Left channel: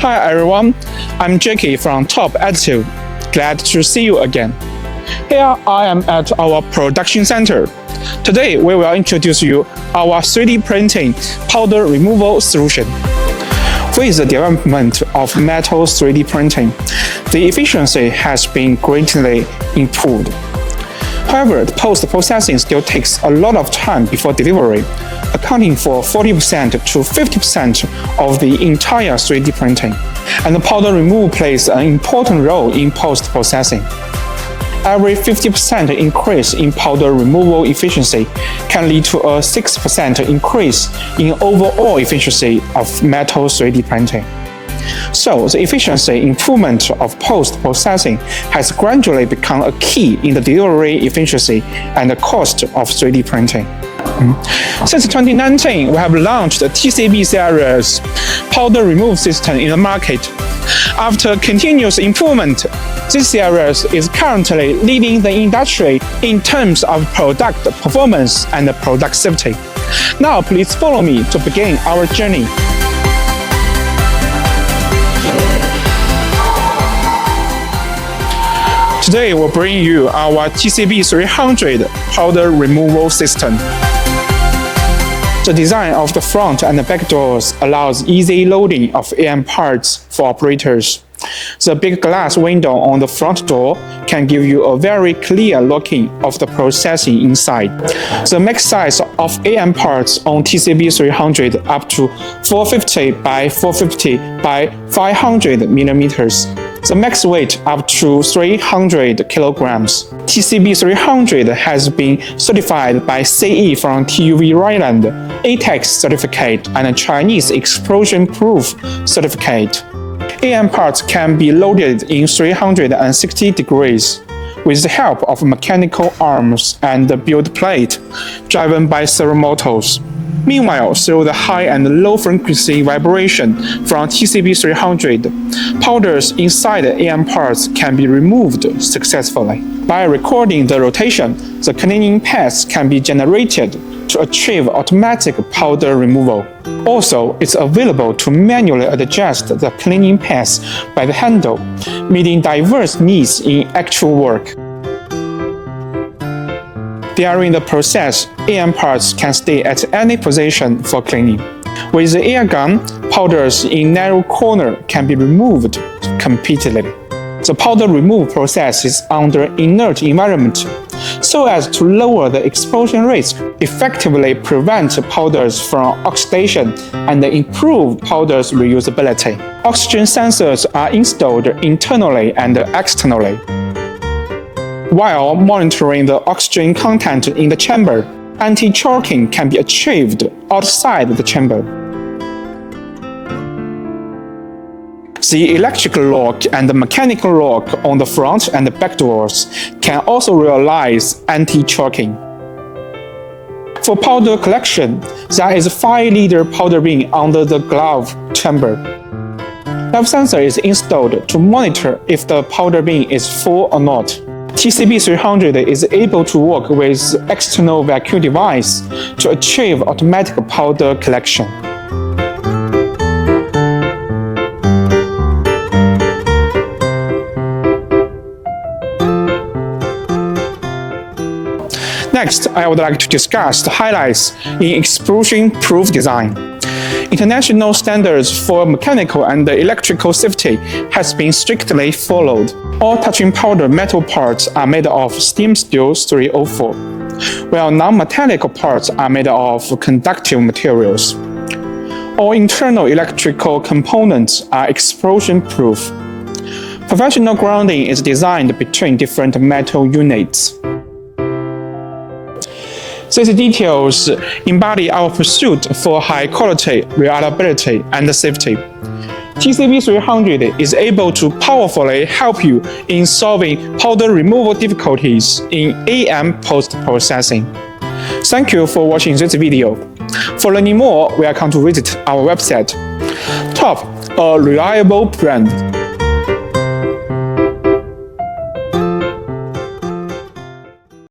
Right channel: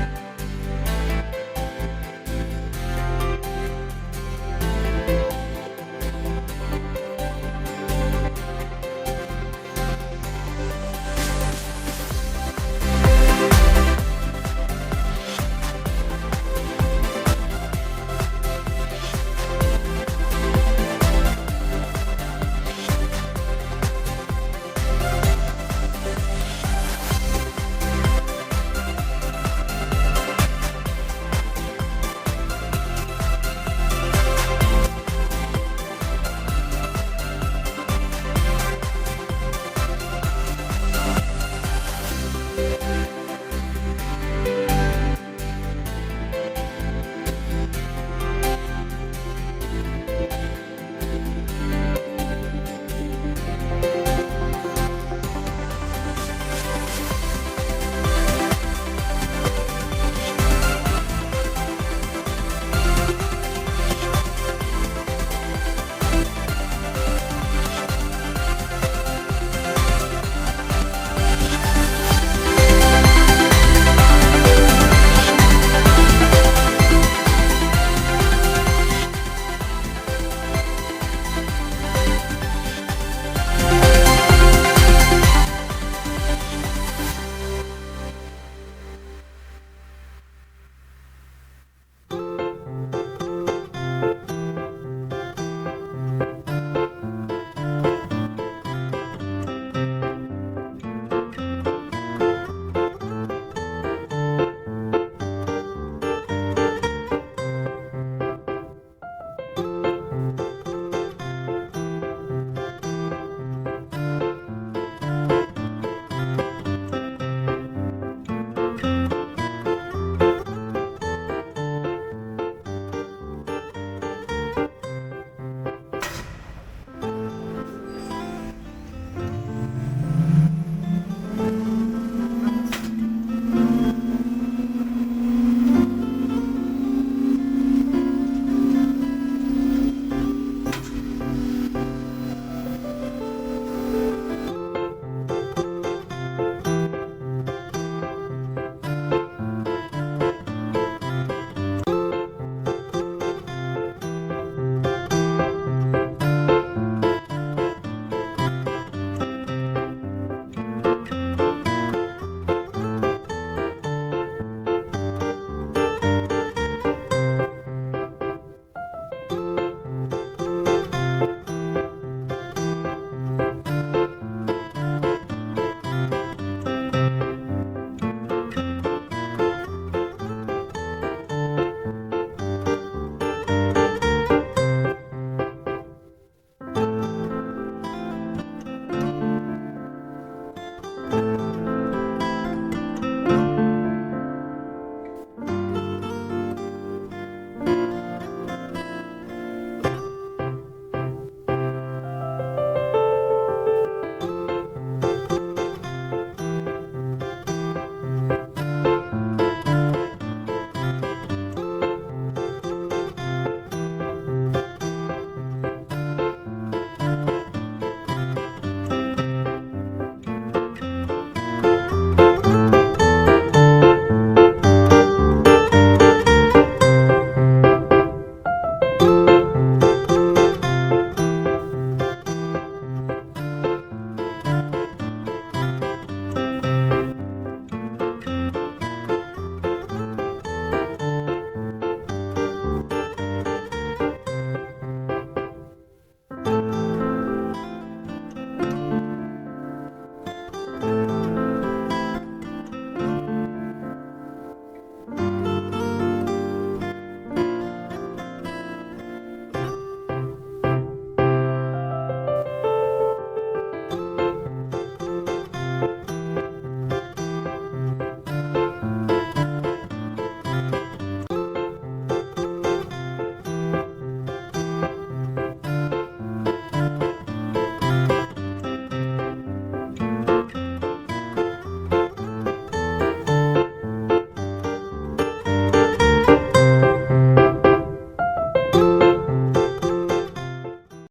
Hi everyone, I'm Jackie from Top Additive. Glad to see you again. Here I am at our production center. Today we will introduce you our 3D printing powder removal solution. With the development of metal 3D printing, the efficiency has been greatly improved. However, the post-processing still takes a lot of time before delivery, accounting for 40% to 50% of the entire 3D printing, and the powder removal plays an important role in post-processing. Every 50% increase in powder removal efficiency can lead to a 6% increase in overall efficiency of metal 3D printing. So, the efficiency improvement of post-processing has gradually become a key in the delivery efficiency and the cost of 3D printing. Since 2019, we have launched the TCB series powder removal system in the market. After continuous improvement, this series is currently leading the industry in terms of product performance and product safety. Now, please follow me to begin our journey. Today, we'll bring you our TCB-300 powder removal system. The design of the front and the back doors allows easy loading of AM parts for operators. The big glass window on the front door can give you a very clear looking of the processing inside. The max size of AM parts on TCB-300 up to 450 by 450 by 500 millimeters. The max weight up to 300 kilograms. TCB-300 has been certified by CE from TUV Rhineland, ATEX certificate, and a Chinese explosion-proof certificate. AM parts can be loaded in 360 degrees with the help of mechanical arms and the build plate driven by servo motors. Meanwhile, through the high and low frequency vibration from TCB-300, powders inside the AM parts can be removed successfully. By recording the rotation, the cleaning paths can be generated to achieve automatic powder removal. Also, it's available to manually adjust the cleaning path by the handle, meeting diverse needs in actual work. During the process, AM parts can stay at any position for cleaning. With the air gun, powders in narrow corner can be removed completely. The powder removal process is under inert environment, so as to lower the explosion risk, effectively prevent powders from oxidation, and improve powder's reusability. Oxygen sensors are installed internally and externally. While monitoring the oxygen content in the chamber, anti-choking can be achieved outside the chamber. The electrical lock and the mechanical lock on the front and the back doors can also realize anti-choking. For powder collection, there is a 5-liter powder bin under the glove chamber. Glove sensor is installed to monitor if the powder bin is full or not. TCB-300 is able to work with external vacuum device to achieve automatic powder collection. Next, I would like to discuss the highlights in explosion-proof design. International standards for mechanical and electrical safety has been strictly followed. All touching powder metal parts are made of steam steel 304, while non-metallic parts are made of conductive materials. All internal electrical components are explosion-proof. Professional grounding is designed between different metal units. These details embody our pursuit for high quality, reliability, and safety. TCB-300 is able to powerfully help you in solving powder removal difficulties in AM post-processing. Thank you for watching this video. For learning more, welcome to visit our website. Top, a reliable brand.